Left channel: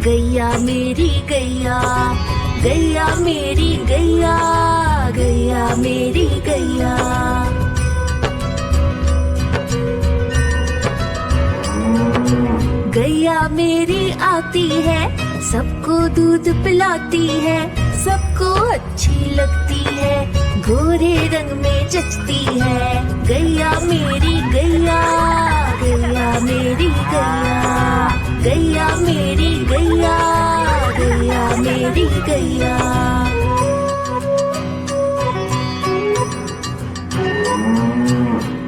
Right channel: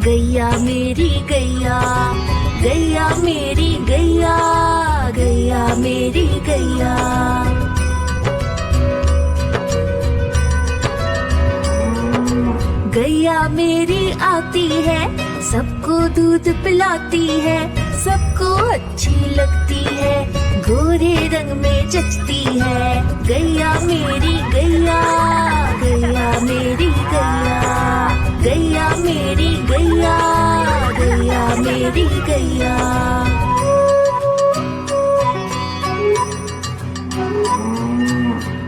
गैया मेरी गैया, गैया मेरी गैया, गैया मेरी गैया। गैया मेरी आती है, सबको दूध पिलाती है, सबको अच्छी लगती है, गोरे रंग में जचती है। गैया मेरी गैया, गैया मेरी गैया, गैया मेरी गैया, गैया मेरी गैया।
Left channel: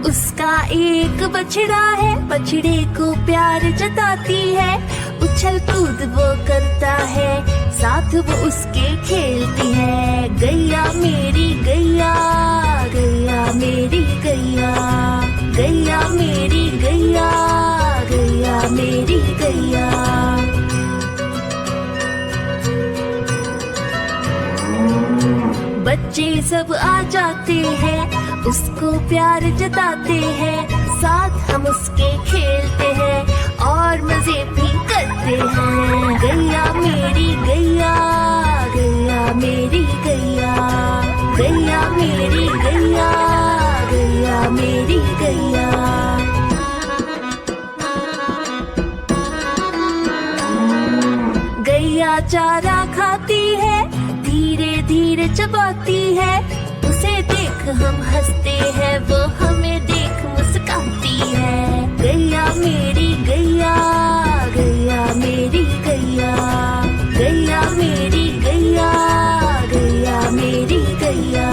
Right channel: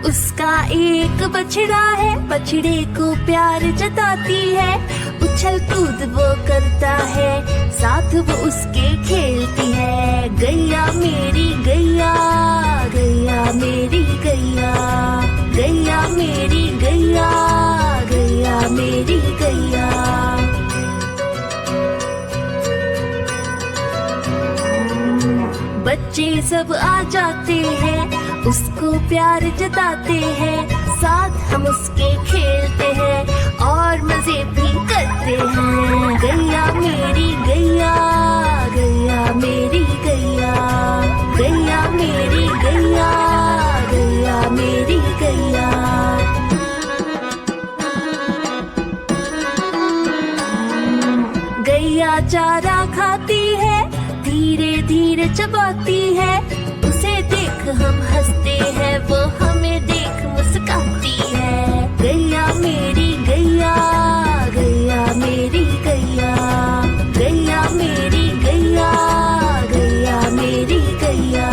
उसका एक बछड़ा है, बछड़े को प्यार जताती है, उछल कूद वो करता है, साथ वो उसके खेलती है। गैया मेरी गैया, गैया मेरी गैया, गैया मेरी गैया, गैया मेरी गैया। बच्चे सब आ जाते हैं, उसको प्यार जताते हैं, साथ हम उसके खेलते हैं और मजे भी करते हैं। गैया मेरी गैया, गैया मेरी गैया, गैया मेरी गैया, गैया मेरी गैया। गैया चारा खाती है, धीरे धीरे चबाती है, उसे देख हम हंसते हैं, वो हमें देख मुस्काती है। गैया मेरी गैया, गैया मेरी गैया, गैया मेरी गैया, गैया मेरी गैया।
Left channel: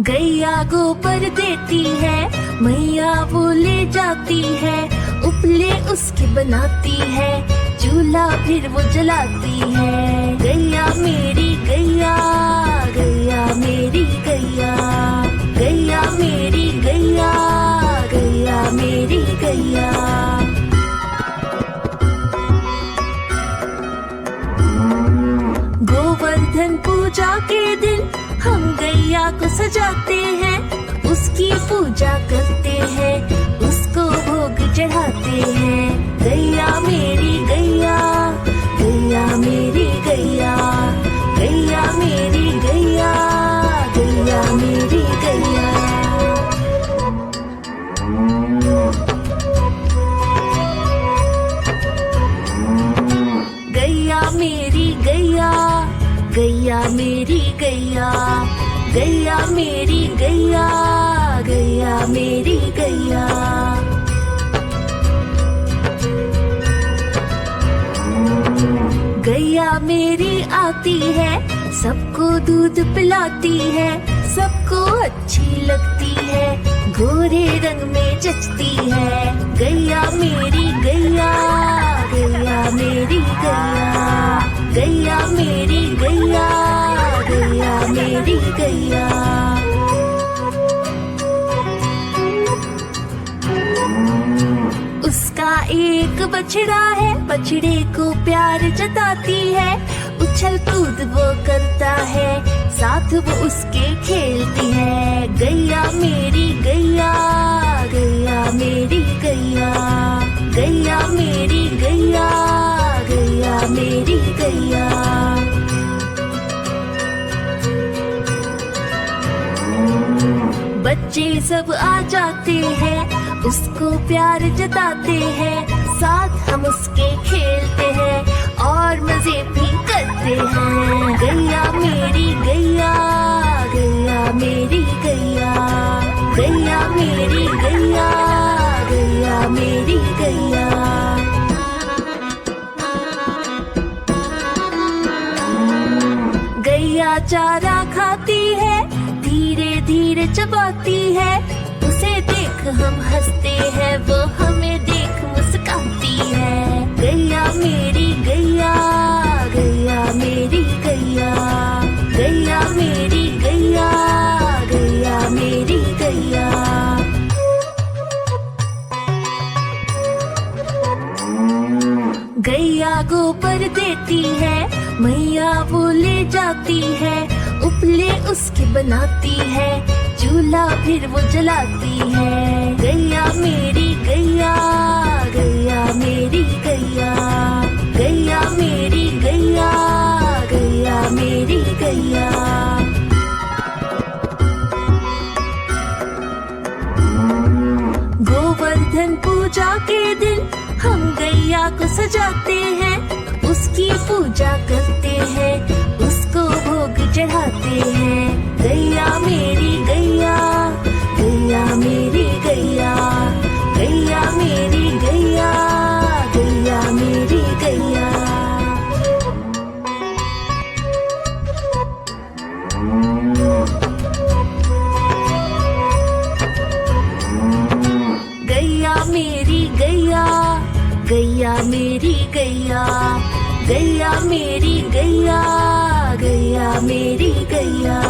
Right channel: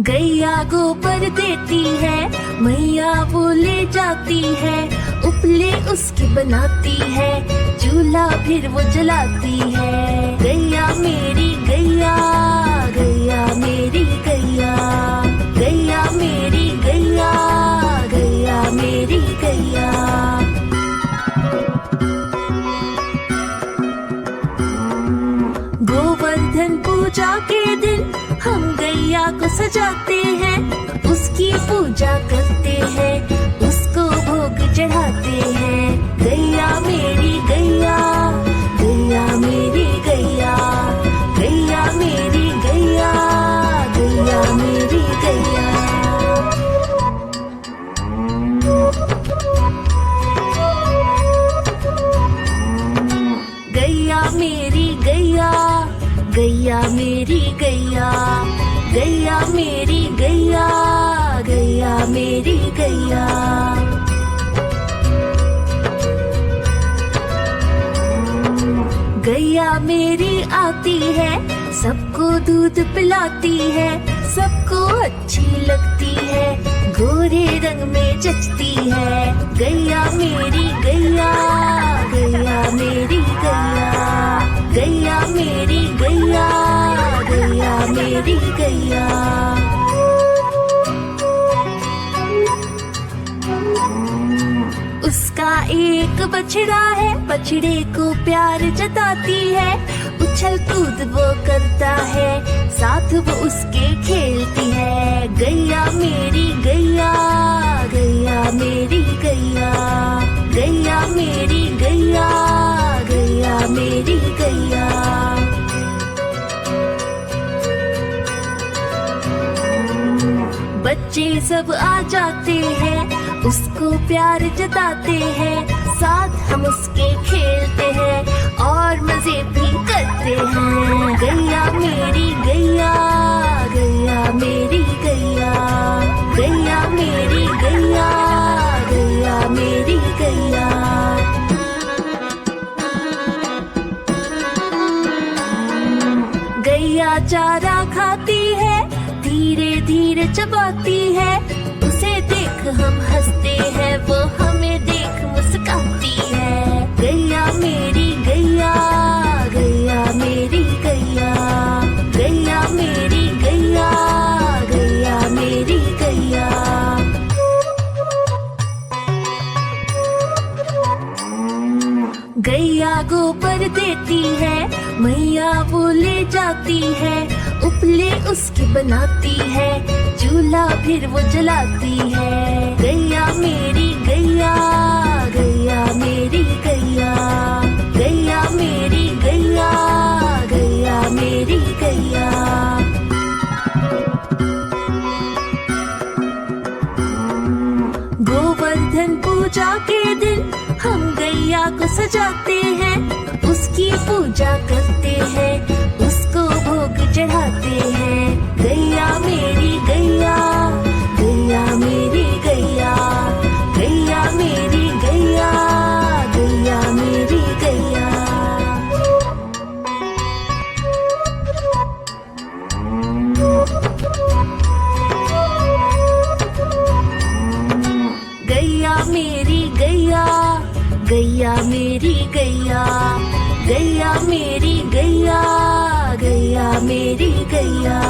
गैया गोबर देती है, मैया वो ले जाती है, उपले उसकी बनाती है, चूल्हा फिर वो जलाती है। गैया मेरी गैया, गैया मेरी गैया, गैया मेरी गैया, गैया मेरी गैया। गोवर्धन पूजा के दिन हम गैया को सजाते हैं, उसकी पूजा करते हैं, उसको भोग चढ़ाते हैं। गैया मेरी गैया, गैया मेरी गैया, गैया मेरी गैया, गैया मेरी गैया। गैया मेरी गैया, गैया मेरी गैया, गैया मेरी गैया, गैया मेरी गैया। गैया मेरी आती है, सबको दूध पिलाती है, सबको अच्छी लगती है, गोरे रंग में जचती है। गैया मेरी गैया, गैया मेरी गैया, गैया मेरी गैया, गैया मेरी गैया। उसका एक बछड़ा है, बछड़े को प्यार जताती है, उछल कूद वो करता है, साथ वो उसके खेलती है। गैया मेरी गैया, गैया मेरी गैया, गैया मेरी गैया, गैया मेरी गैया। बच्चे सब आ जाते हैं, उसको प्यार जताते हैं, साथ हम उसके खेलते हैं और मजे भी करते हैं। गैया मेरी गैया, गैया मेरी गैया, गैया मेरी गैया, गैया मेरी गैया। गैया चारा खाती है, धीरे धीरे चबाती है, उसे देख हम हंसते हैं, वो हमें देख मुस्काती है। गैया मेरी गैया, गैया मेरी गैया, गैया मेरी गैया, गैया मेरी गैया। गैया गोबर देती है, मैया वो ले जाती है, उपले उसकी बनाती है, चूल्हा फिर वो जलाती है। गैया मेरी गैया, गैया मेरी गैया, गैया मेरी गैया, गैया मेरी गैया। गोवर्धन पूजा के दिन हम गैया को सजाते हैं, उसकी पूजा करते हैं, उसको भोग चढ़ाते हैं। गैया मेरी गैया, गैया मेरी गैया, गैया मेरी गैया, गैया मेरी गैया। गैया मेरी गैया, गैया मेरी गैया, गैया मेरी गैया, गैया मेरी गैया।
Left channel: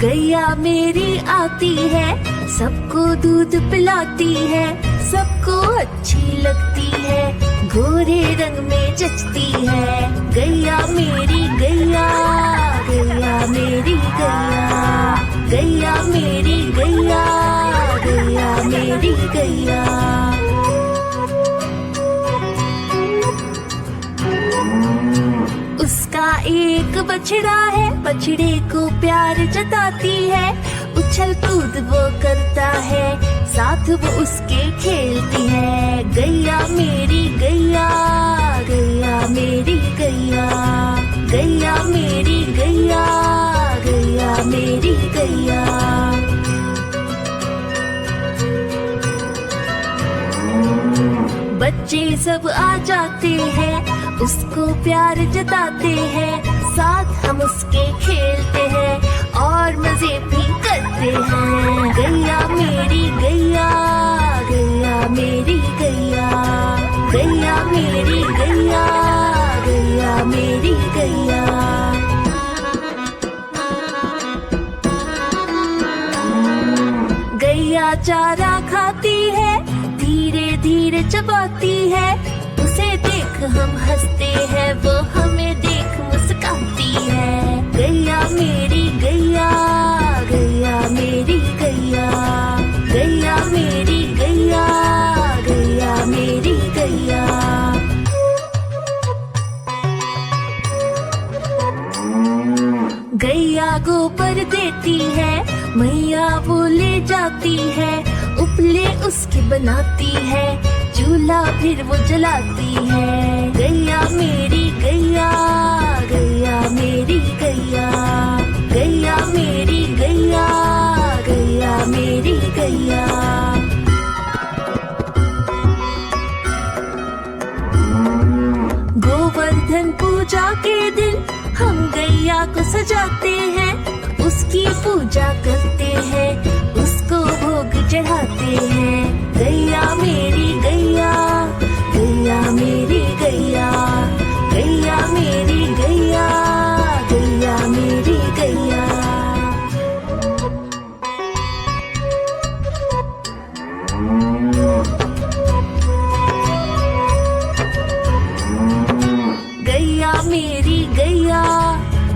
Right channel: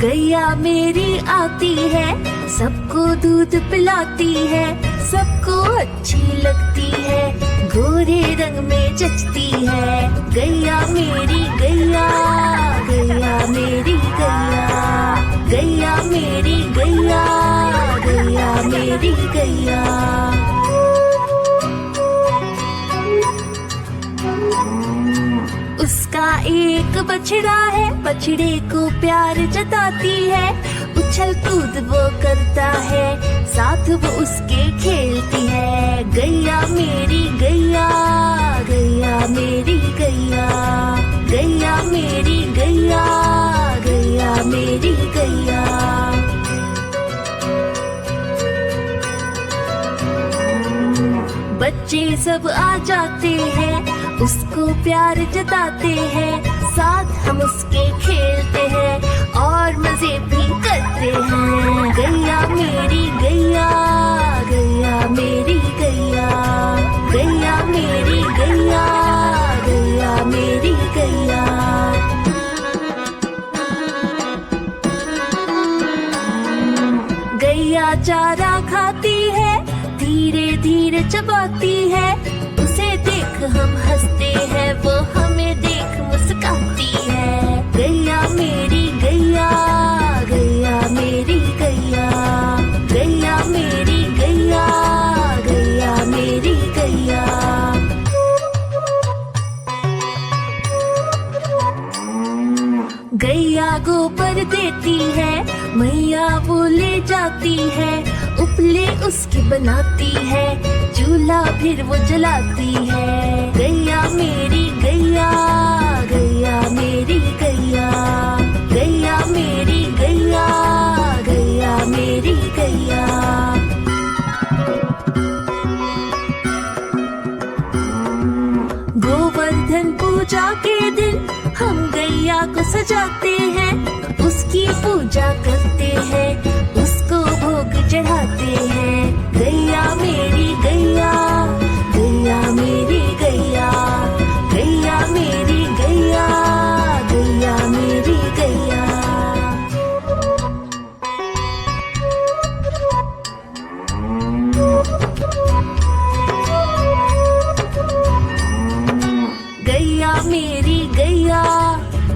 गैया मेरी आती है, सबको दूध पिलाती है, सबको अच्छी लगती है, गोरे रंग में जचती है। गैया मेरी गैया, गैया मेरी गैया, गैया मेरी गैया, गैया मेरी गैया। उसका एक बछड़ा है, बछड़े को प्यार जताती है, उछल कूद वो करता है, साथ वो उसके खेलती है। गैया मेरी गैया, गैया मेरी गैया, गैया मेरी गैया, गैया मेरी गैया। बच्चे सब आ जाते हैं, उसको प्यार जताते हैं, साथ हम उसके खेलते हैं और मजे भी करते हैं। गैया मेरी गैया, गैया मेरी गैया, गैया मेरी गैया, गैया मेरी गैया। गैया चारा खाती है, धीरे धीरे चबाती है, उसे देख हम हंसते हैं, वो हमें देख मुस्काती है। गैया मेरी गैया, गैया मेरी गैया, गैया मेरी गैया, गैया मेरी गैया। गैया गोबर देती है, मैया वो ले जाती है, उपले उसके बनाती है, चूल्हा फिर वो जलाती है। गैया मेरी गैया, गैया मेरी गैया, गैया मेरी गैया, गैया मेरी गैया। गोवर्धन पूजा के दिन हम गैया को सजाते हैं, उसकी पूजा करते हैं, उसको भोग चढ़ाते हैं। गैया मेरी गैया, गैया मेरी गैया, गैया मेरी गैया, गैया मेरी गैया। गैया मेरी गैया,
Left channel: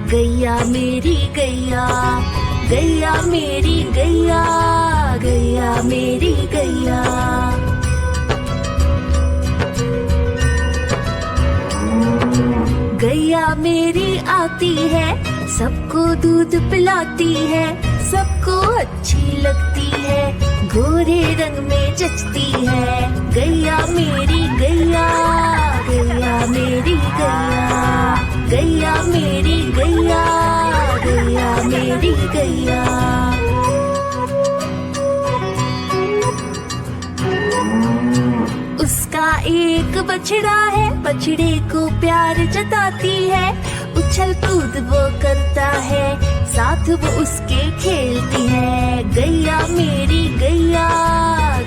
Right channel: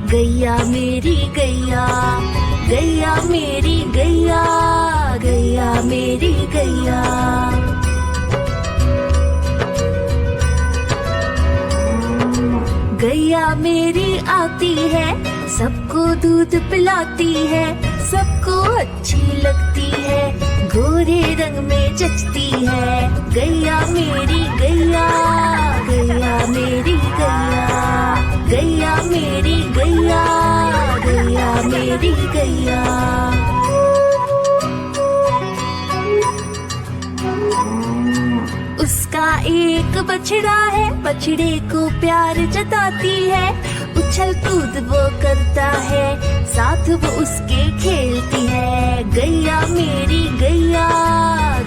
गैया मेरी गैया, गैया मेरी गैया, गैया मेरी गैया। गैया मेरी आती है, सबको दूध पिलाती है, सबको अच्छी लगती है, गोरे रंग में जचती है। गैया मेरी गैया, गैया मेरी गैया, गैया मेरी गैया, गैया मेरी गैया। उसका एक बछड़ा है, बछड़े को प्यार जताती है, उछल कूद वो करता है, साथ वो उसके खेलती है। गैया मेरी गैया,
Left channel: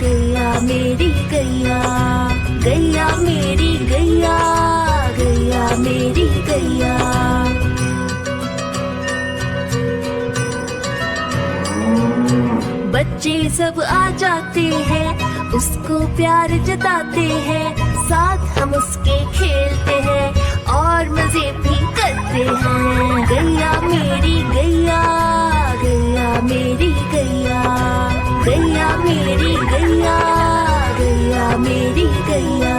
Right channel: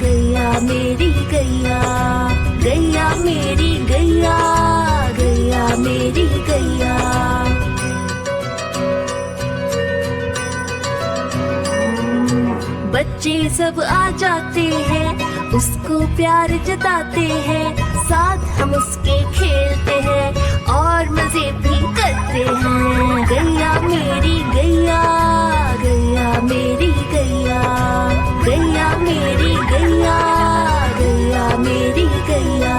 गैया मेरी गैया, गैया मेरी गैया, गैया मेरी गैया। बच्चे सब आ जाते हैं, उसको प्यार जताते हैं, साथ हम उसके खेलते हैं और मजे भी करते हैं। गैया मेरी गैया, गैया मेरी गैया, गैया मेरी गैया, गैया मेरी गैया।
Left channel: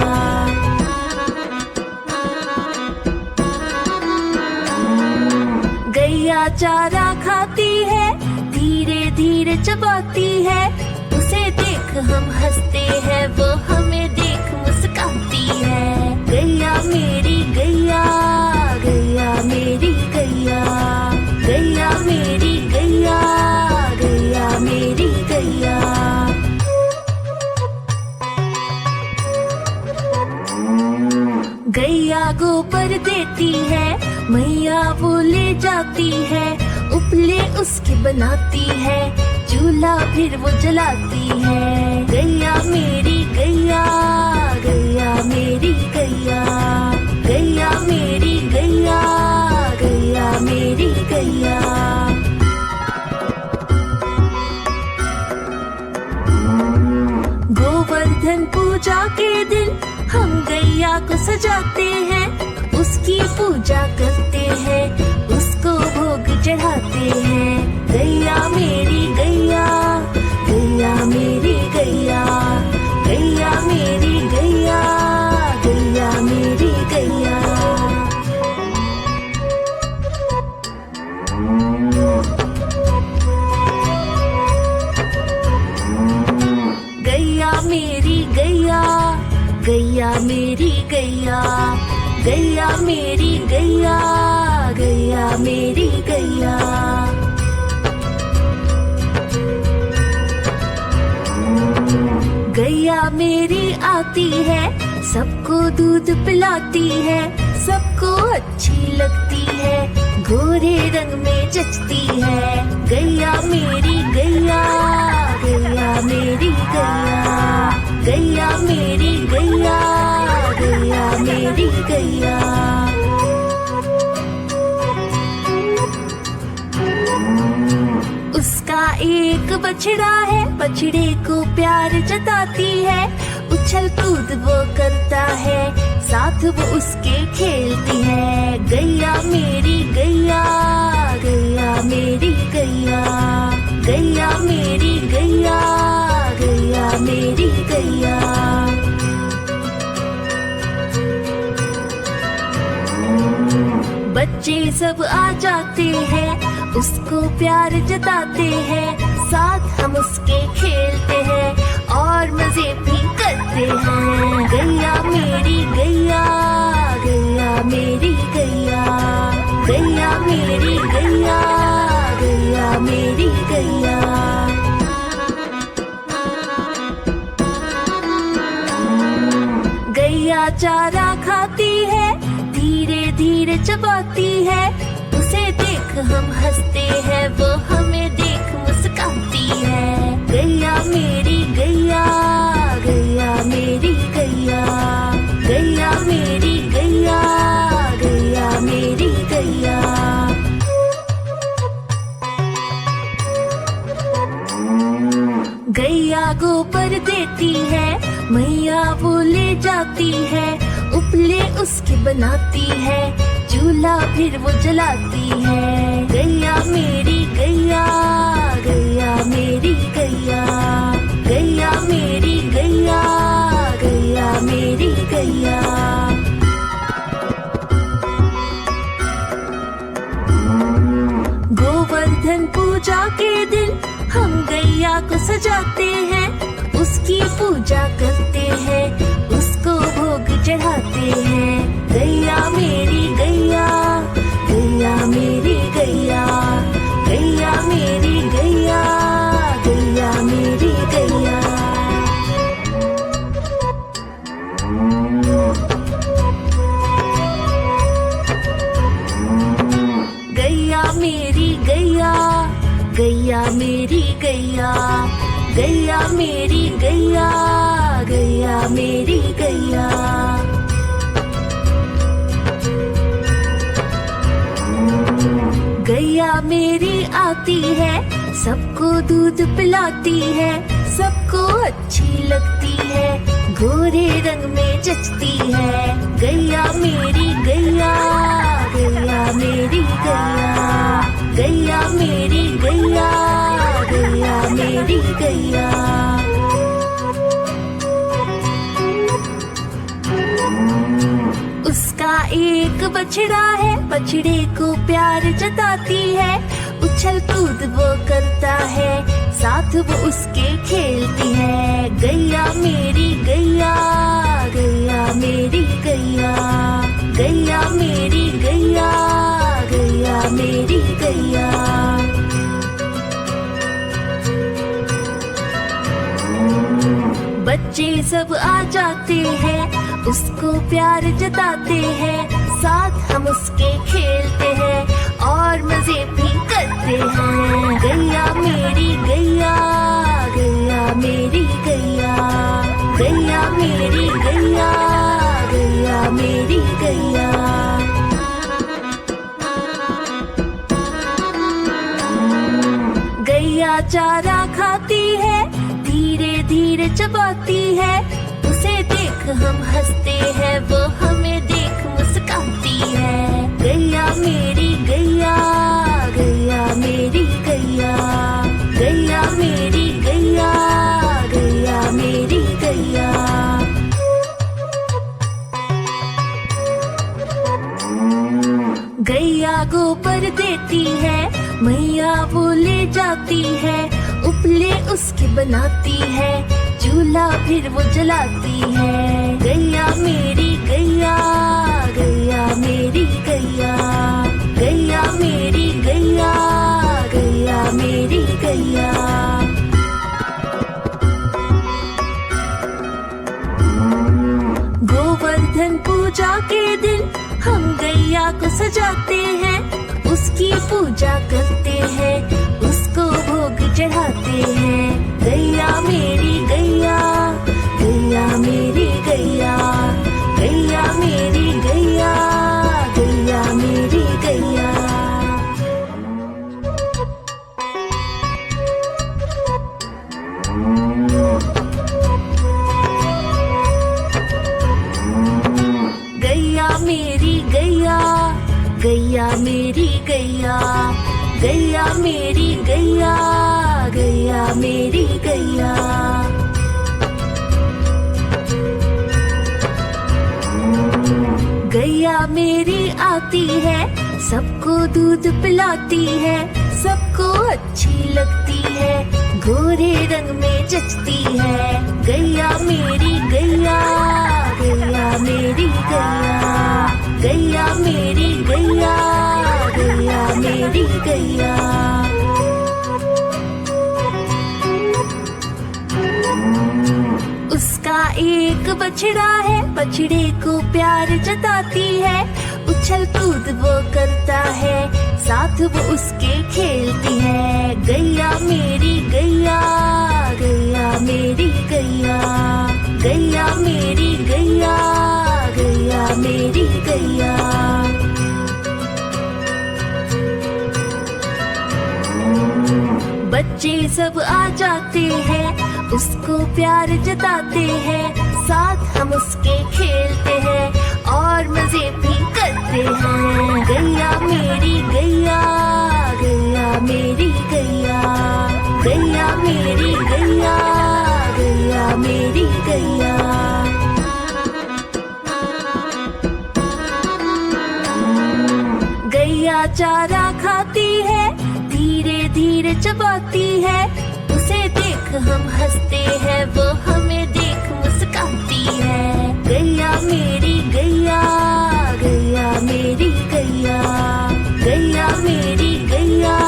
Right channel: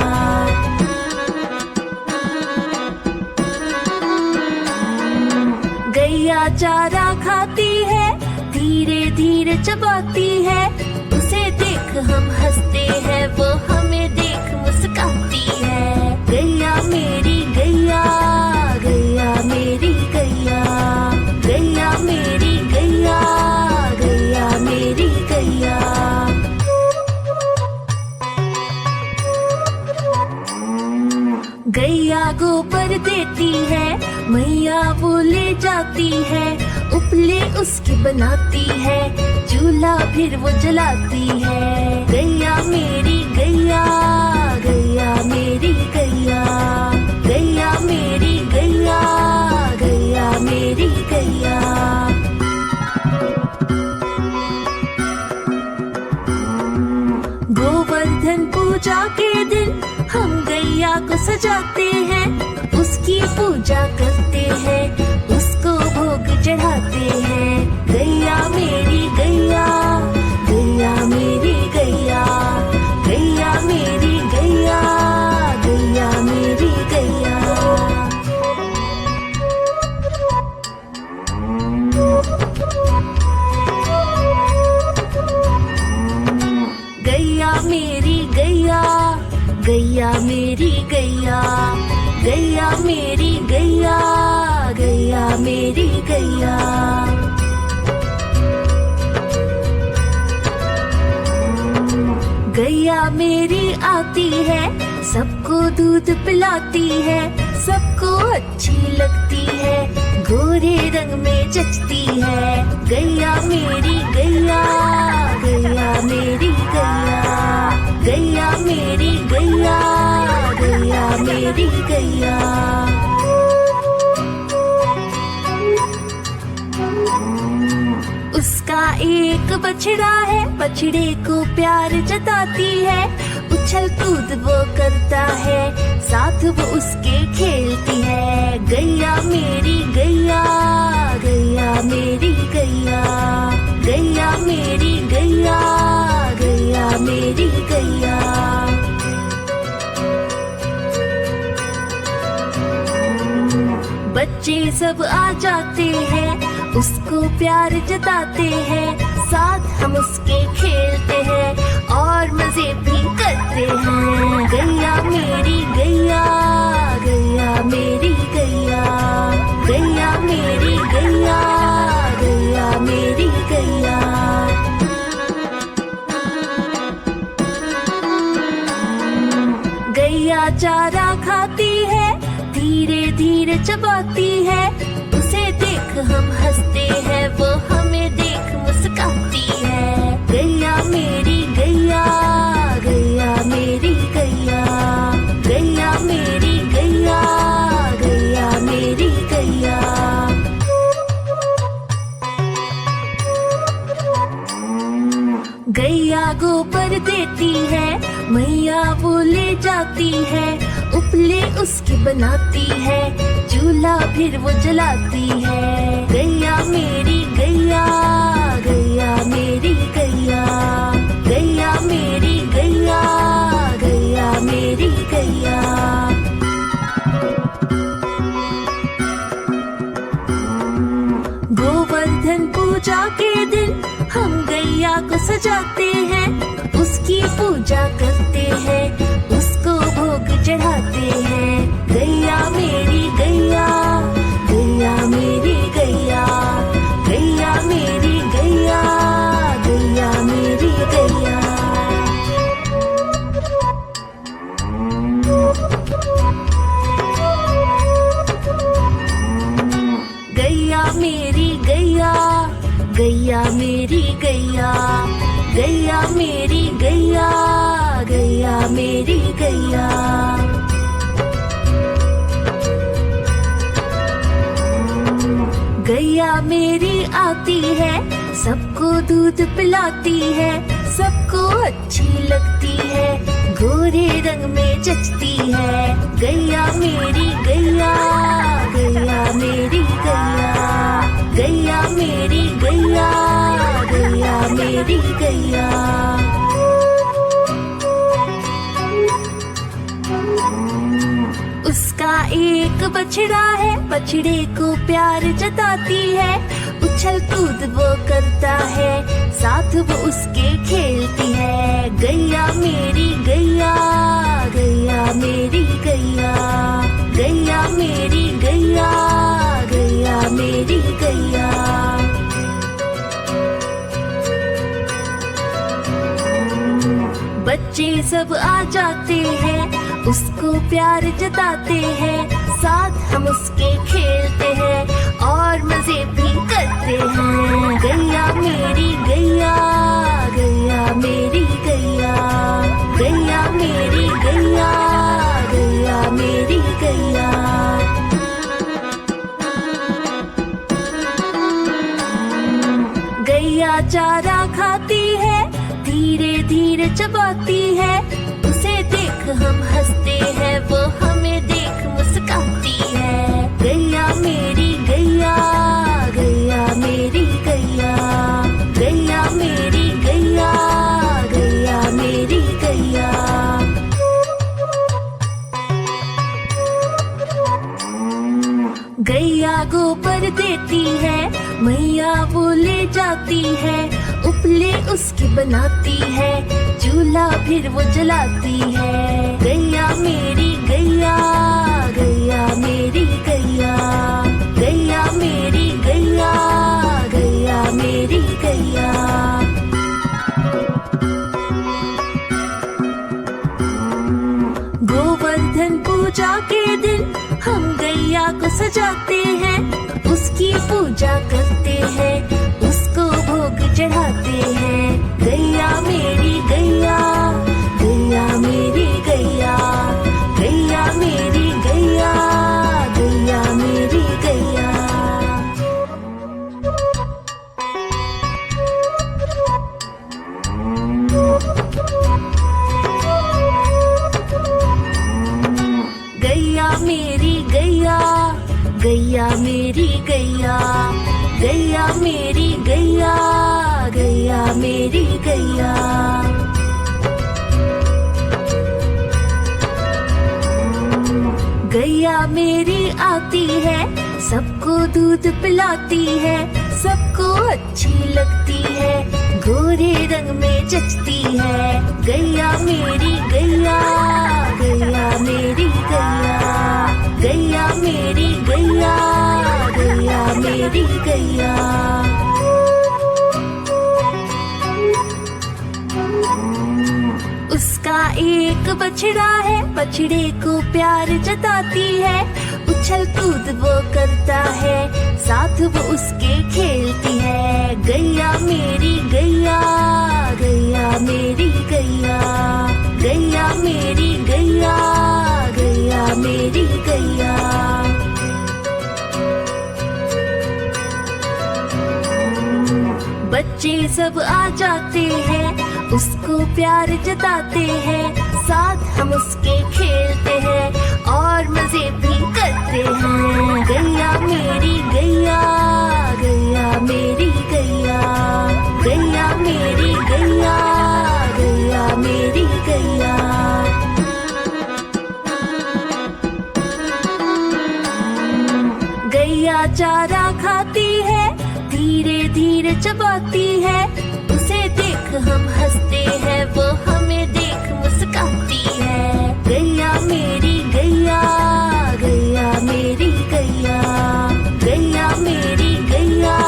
गैया चारा खाती है, धीरे धीरे चबाती है, उसे देख हम हंसते हैं, वो हमें देख मुस्काती है। गैया मेरी गैया, गैया मेरी गैया, गैया मेरी गैया, गैया मेरी गैया। गैया गोबर देती है, मैया वो ले जाती है, उपले उसकी बनाती है, चूल्हा फिर वो जलाती है। गैया मेरी गैया, गैया मेरी गैया, गैया मेरी गैया, गैया मेरी गैया। गोवर्धन पूजा के दिन हम गैया को सजाते हैं, उसकी पूजा करते हैं, उसको भोग चढ़ाते हैं। गैया मेरी गैया, गैया मेरी गैया, गैया मेरी गैया, गैया मेरी गैया। गैया मेरी गैया, गैया मेरी गैया, गैया मेरी गैया, गैया मेरी गैया। गैया मेरी आती है, सबको दूध पिलाती है, सबको अच्छी लगती है, गोरे रंग में जचती है। गैया मेरी गैया, गैया मेरी गैया, गैया मेरी गैया, गैया मेरी गैया। उसका एक बछड़ा है, बछड़े को प्यार जताती है, उछल कूद वो करता है, साथ वो उसके खेलती है। गैया मेरी गैया, गैया मेरी गैया, गैया मेरी गैया, गैया मेरी गैया। बच्चे सब आ जाते हैं, उसको प्यार जताते हैं, साथ हम उसके खेलते हैं और मजे भी करते हैं। गैया मेरी गैया, गैया मेरी गैया, गैया मेरी गैया, गैया मेरी गैया। गैया चारा खाती है, धीरे धीरे चबाती है, उसे देख हम हंसते हैं, वो हमें देख मुस्काती है। गैया मेरी गैया, गैया मेरी गैया, गैया मेरी गैया, गैया मेरी गैया। गैया गोबर देती है, मैया वो ले जाती है, उपले उसकी बनाती है, चूल्हा फिर वो जलाती है। गैया मेरी गैया, गैया मेरी गैया, गैया मेरी गैया, गैया मेरी गैया। गोवर्धन पूजा के दिन हम गैया को सजाते हैं, उसकी पूजा करते हैं, उसको भोग चढ़ाते हैं। गैया मेरी गैया, गैया मेरी गैया, गैया मेरी गैया, गैया मेरी गैया। गैया मेरी गैया, गैया मेरी गैया, गैया मेरी गैया, गैया मेरी गैया। गैया मेरी आती है, सबको दूध पिलाती है, सबको अच्छी लगती है, गोरे रंग में जचती है। गैया मेरी गैया, गैया मेरी गैया, गैया मेरी गैया, गैया मेरी गैया। उसका एक बछड़ा है, बछड़े को प्यार जताती है। उछल कूद वो करता है, साथ वो उसके खेलती है। गैया मेरी गैया, गैया मेरी गैया, गैया मेरी गैया, गैया मेरी गैया। बच्चे सब आ जाते हैं, उसको प्यार जताते हैं। साथ हम उसके खेलते हैं और मजे भी करते हैं। गैया मेरी गैया, गैया मेरी गैया, गैया मेरी गैया, गैया मेरी गैया। गैया चारा खाती है, धीरे धीरे चबाती है। उसे देख हम हंसते हैं, वो हमें देख मुस्काती है। गैया मेरी गैया, गैया मेरी गैया, गैया मेरी गैया, गैया मेरी गैया। गैया गोबर देती है, मैया वो ले जाती है। उपले उसकी बनाती है, चूल्हा फिर वो जलाती है। गैया मेरी गैया, गैया मेरी गैया, गैया मेरी गैया, गैया मेरी गैया। गोवर्धन पूजा के दिन हम गैया को सजाते हैं। उसकी पूजा करते हैं, उसको भोग चढ़ाते हैं। गैया मेरी गैया, गैया मेरी गैया, गैया मेरी गैया, गैया मेरी गैया। गैया मेरी गैया, गैया मेरी गैया, गैया मेरी गैया, गैया मेरी गैया। गैया मेरी आती है, सबको दूध पिलाती है। सबको अच्छी लगती है, गोरे रंग में जचती है। गैया मेरी गैया, गैया मेरी गैया, गैया मेरी गैया, गैया मेरी गैया। उसका एक बछड़ा है, बछड़े को प्यार जताती है। उछल कूद वो करता है, साथ वो उसके खेलती है। गैया मेरी गैया, गैया मेरी गैया, गैया मेरी गैया, गैया मेरी गैया। बच्चे सब आ जाते हैं, उसको प्यार जताते हैं। साथ हम उसके खेलते हैं और मजे भी करते हैं। गैया मेरी गैया, गैया मेरी गैया, गैया मेरी गैया, गैया मेरी गैया। गैया चारा खाती है, धीरे धीरे चबाती है। उसे देख हम हंसते हैं, वो हमें देख मुस्काती है। गैया मेरी गैया, गैया मेरी गैया, गैया मेरी गैया,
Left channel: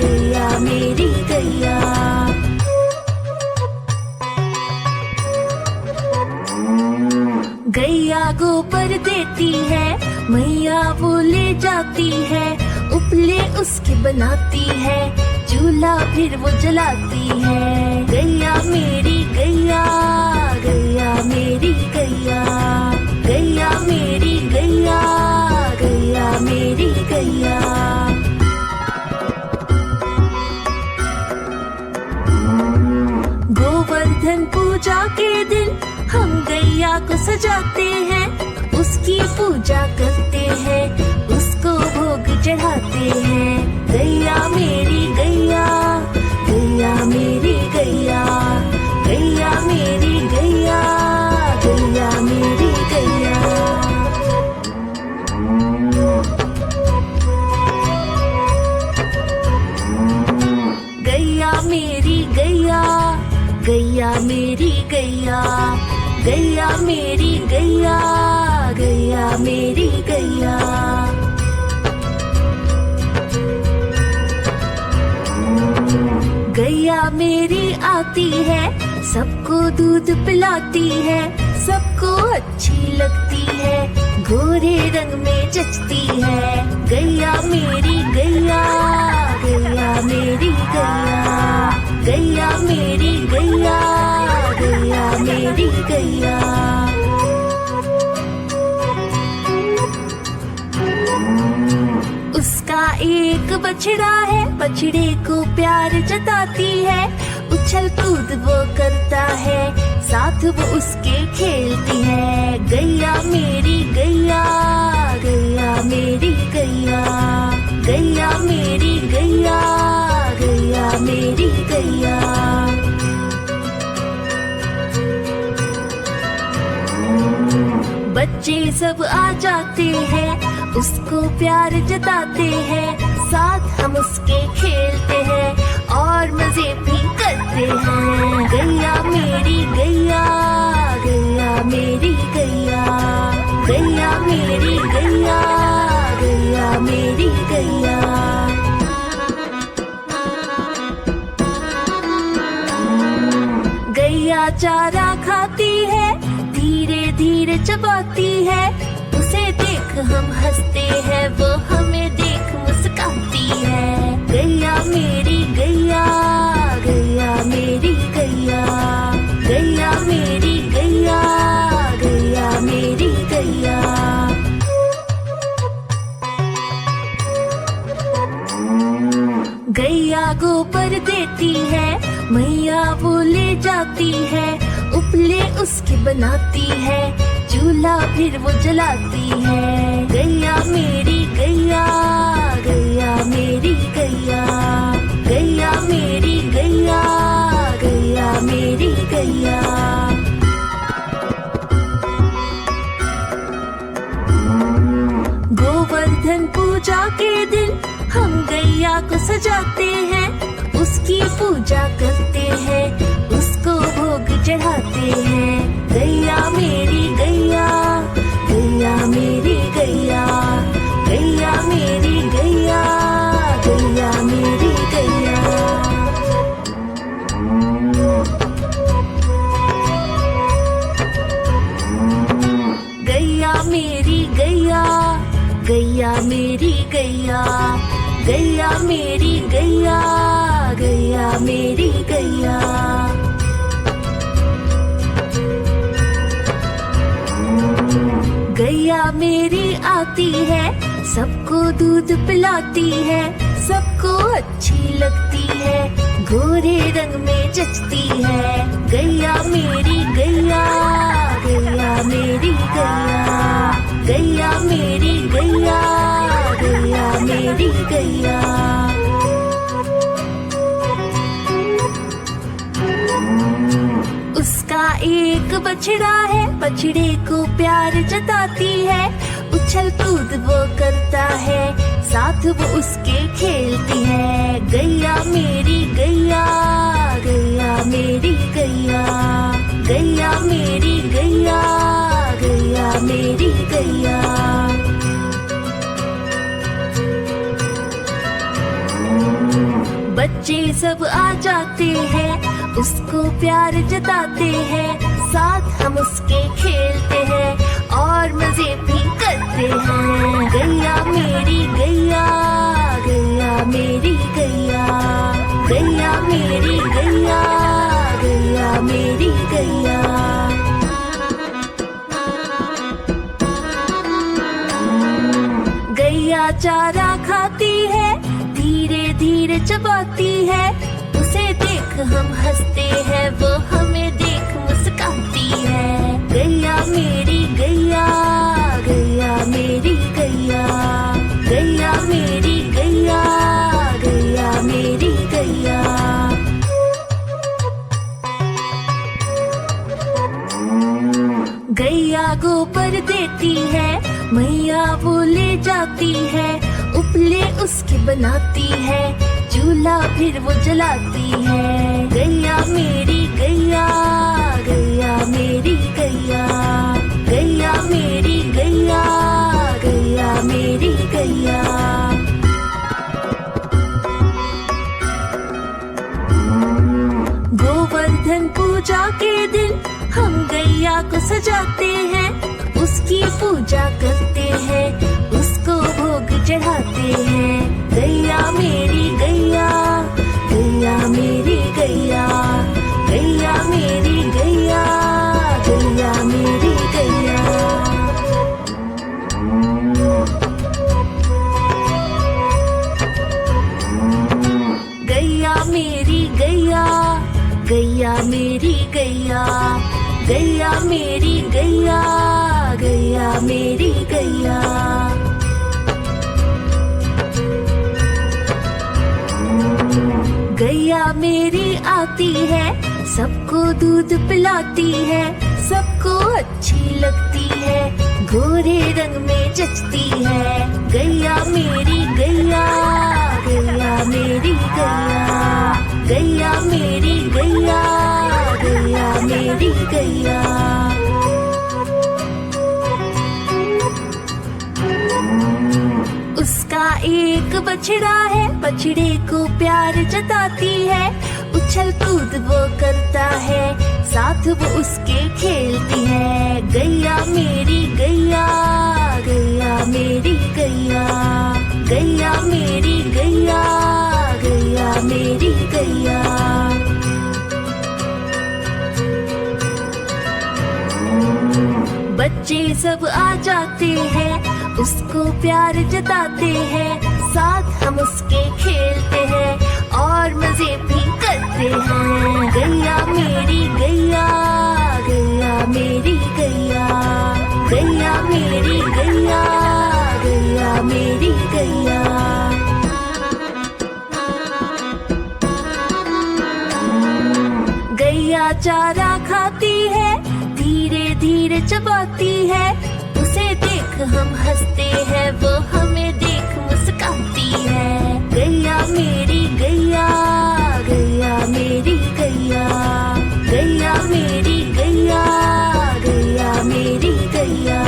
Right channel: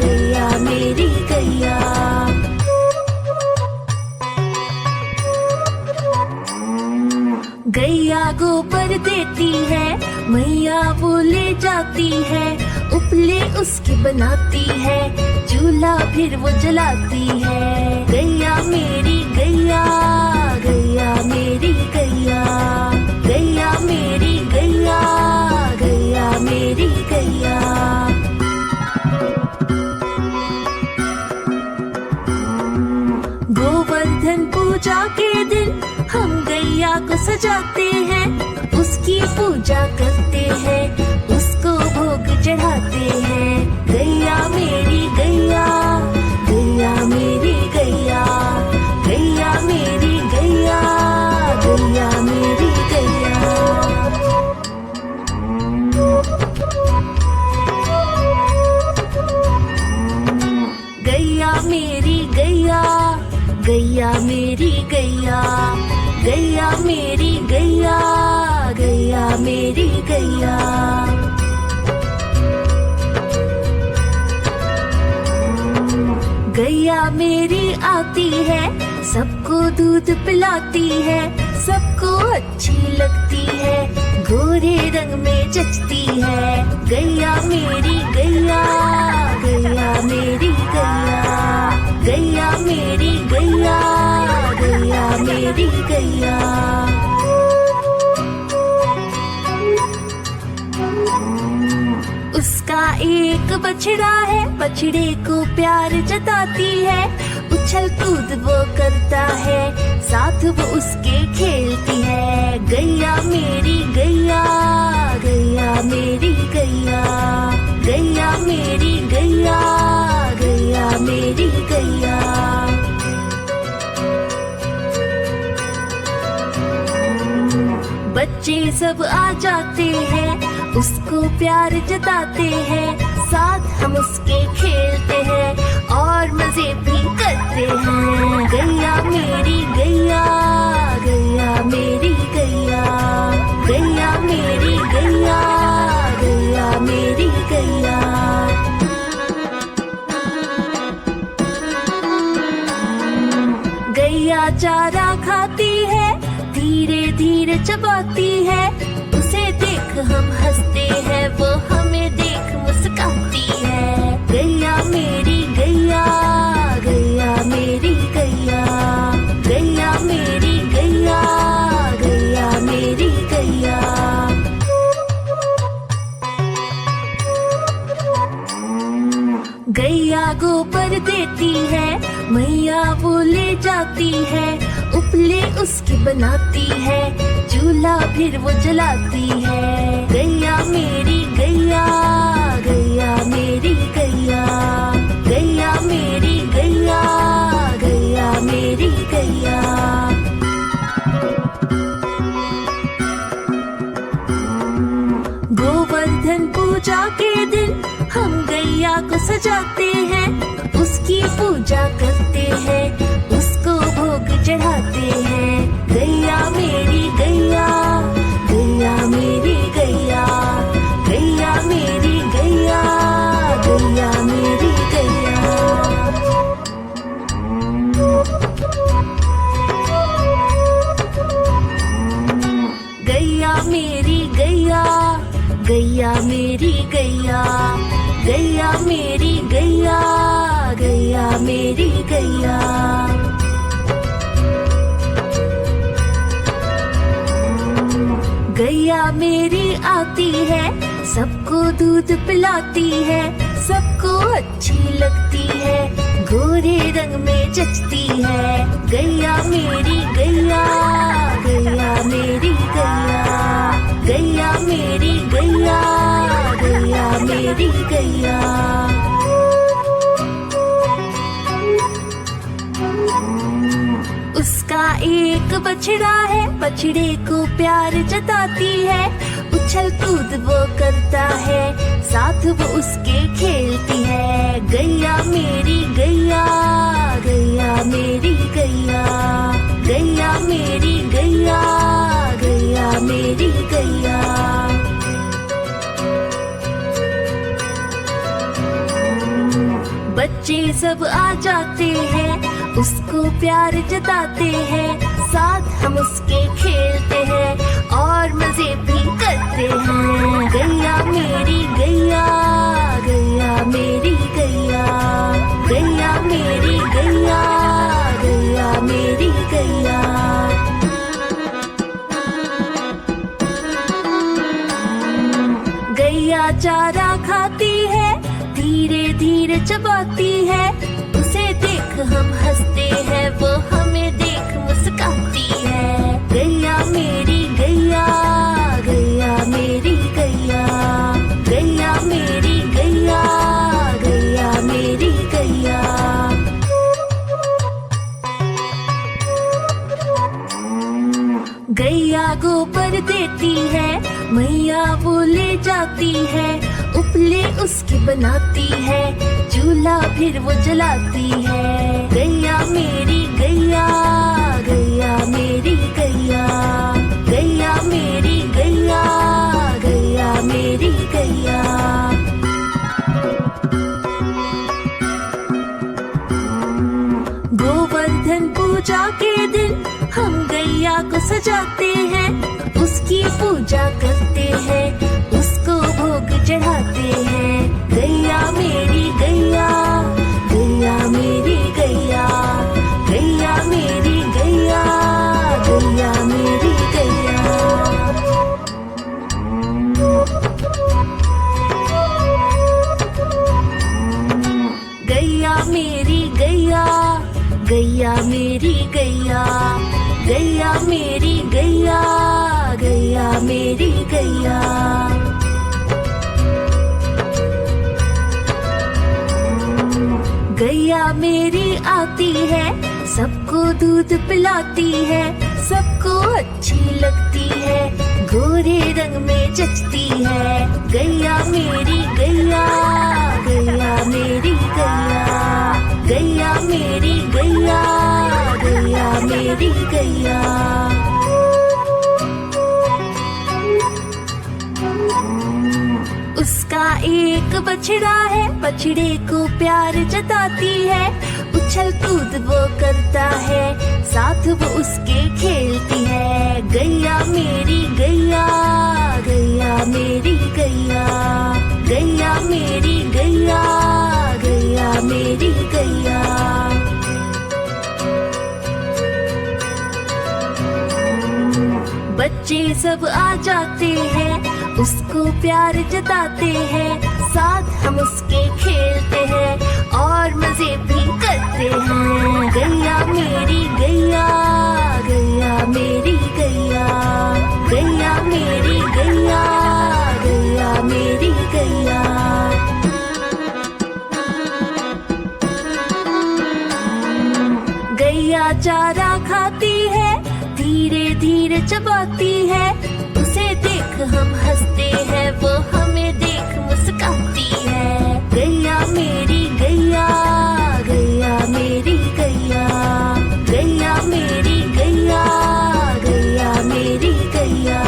गैया मेरी गैया। गैया गोबर देती है, मैया वो ले जाती है। उपले उसकी बनाती है, चूल्हा फिर वो जलाती है। गैया मेरी गैया, गैया मेरी गैया, गैया मेरी गैया, गैया मेरी गैया। गोवर्धन पूजा के दिन हम गैया को सजाते हैं, उसकी पूजा करते हैं, उसको भोग चढ़ाते हैं। गैया मेरी गैया, गैया मेरी गैया, गैया मेरी गैया, गैया मेरी गैया। गैया मेरी गैया, गैया मेरी गैया, गैया मेरी गैया, गैया मेरी गैया। गैया मेरी आती है, सबको दूध पिलाती है, सबको अच्छी लगती है, गोरे रंग में जचती है। गैया मेरी गैया, गैया मेरी गैया, गैया मेरी गैया, गैया मेरी गैया। उसका एक बछड़ा है, बछड़े को प्यार जताती है, उछल कूद वो करता है, साथ वो उसके खेलती है। गैया मेरी गैया, गैया मेरी गैया, गैया मेरी गैया, गैया मेरी गैया। बच्चे सब आ जाते हैं, उसको प्यार जताते हैं, साथ हम उसके खेलते हैं और मजे भी करते हैं। गैया मेरी गैया, गैया मेरी गैया, गैया मेरी गैया, गैया मेरी गैया। गैया चारा खाती है, धीरे धीरे चबाती है, उसे देख हम हंसते हैं, वो हमें देख मुस्काती है। गैया मेरी गैया, गैया मेरी गैया, गैया मेरी गैया, गैया मेरी गैया। गैया गोबर देती है, मैया वो ले जाती है, उपले उसकी बनाती है, चूल्हा फिर वो जलाती है। गैया मेरी गैया, गैया मेरी गैया, गैया मेरी गैया, गैया मेरी गैया। गोवर्धन पूजा के दिन हम गैया को सजाते हैं, उसकी पूजा करते हैं, उसको भोग चढ़ाते हैं। गैया मेरी गैया, गैया मेरी गैया, गैया मेरी गैया, गैया मेरी गैया। गैया मेरी गैया, गैया मेरी गैया, गैया मेरी गैया, गैया मेरी गैया। गैया मेरी आती है, सबको दूध पिलाती है, सबको अच्छी लगती है, गोरे रंग में जचती है। गैया मेरी गैया, गैया मेरी गैया, गैया मेरी गैया, गैया मेरी गैया। उसका एक बछड़ा है, बछड़े को प्यार जताती है, उछल कूद वो करता है, साथ वो उसके खेलती है। गैया मेरी गैया, गैया मेरी गैया, गैया मेरी गैया, गैया मेरी गैया। बच्चे सब आ जाते हैं, उसको प्यार जताते हैं, साथ हम उसके खेलते हैं और मजे भी करते हैं। गैया मेरी गैया, गैया मेरी गैया, गैया मेरी गैया, गैया मेरी गैया। गैया चारा खाती है, धीरे धीरे चबाती है, उसे देख हम हंसते हैं, वो हमें देख मुस्काती है। गैया मेरी गैया, गैया मेरी गैया, गैया मेरी गैया, गैया मेरी गैया। गैया गोबर देती है, मैया वो ले जाती है, उपले उसकी बनाती है, चूल्हा फिर वो जलाती है। गैया मेरी गैया, गैया मेरी गैया, गैया मेरी गैया, गैया मेरी गैया। गोवर्धन पूजा के दिन हम गैया को सजाते हैं, उसकी पूजा करते हैं, उसको भोग चढ़ाते हैं। गैया मेरी गैया, गैया मेरी गैया, गैया मेरी गैया, गैया मेरी गैया। गैया मेरी गैया, गैया मेरी गैया, गैया मेरी गैया, गैया मेरी गैया। गैया मेरी आती है, सबको दूध पिलाती है, सबको अच्छी लगती है, गोरे रंग में जचती है। गैया मेरी गैया, गैया मेरी गैया, गैया मेरी गैया, गैया मेरी गैया। उसका एक बछड़ा है, बछड़े को प्यार जताती है, उछल कूद वो करता है, साथ वो उसके खेलती है। गैया मेरी गैया, गैया मेरी गैया, गैया मेरी गैया, गैया मेरी गैया। बच्चे सब आ जाते हैं, उसको प्यार जताते हैं, साथ हम उसके खेलते हैं और मजे भी करते हैं। गैया मेरी गैया, गैया मेरी गैया, गैया मेरी गैया, गैया मेरी गैया। गैया चारा खाती है, धीरे धीरे चबाती है, उसे देख हम हंसते हैं, वो हमें देख मुस्काती है। गैया मेरी गैया, गैया मेरी गैया, गैया मेरी गैया, गैया मेरी गैया।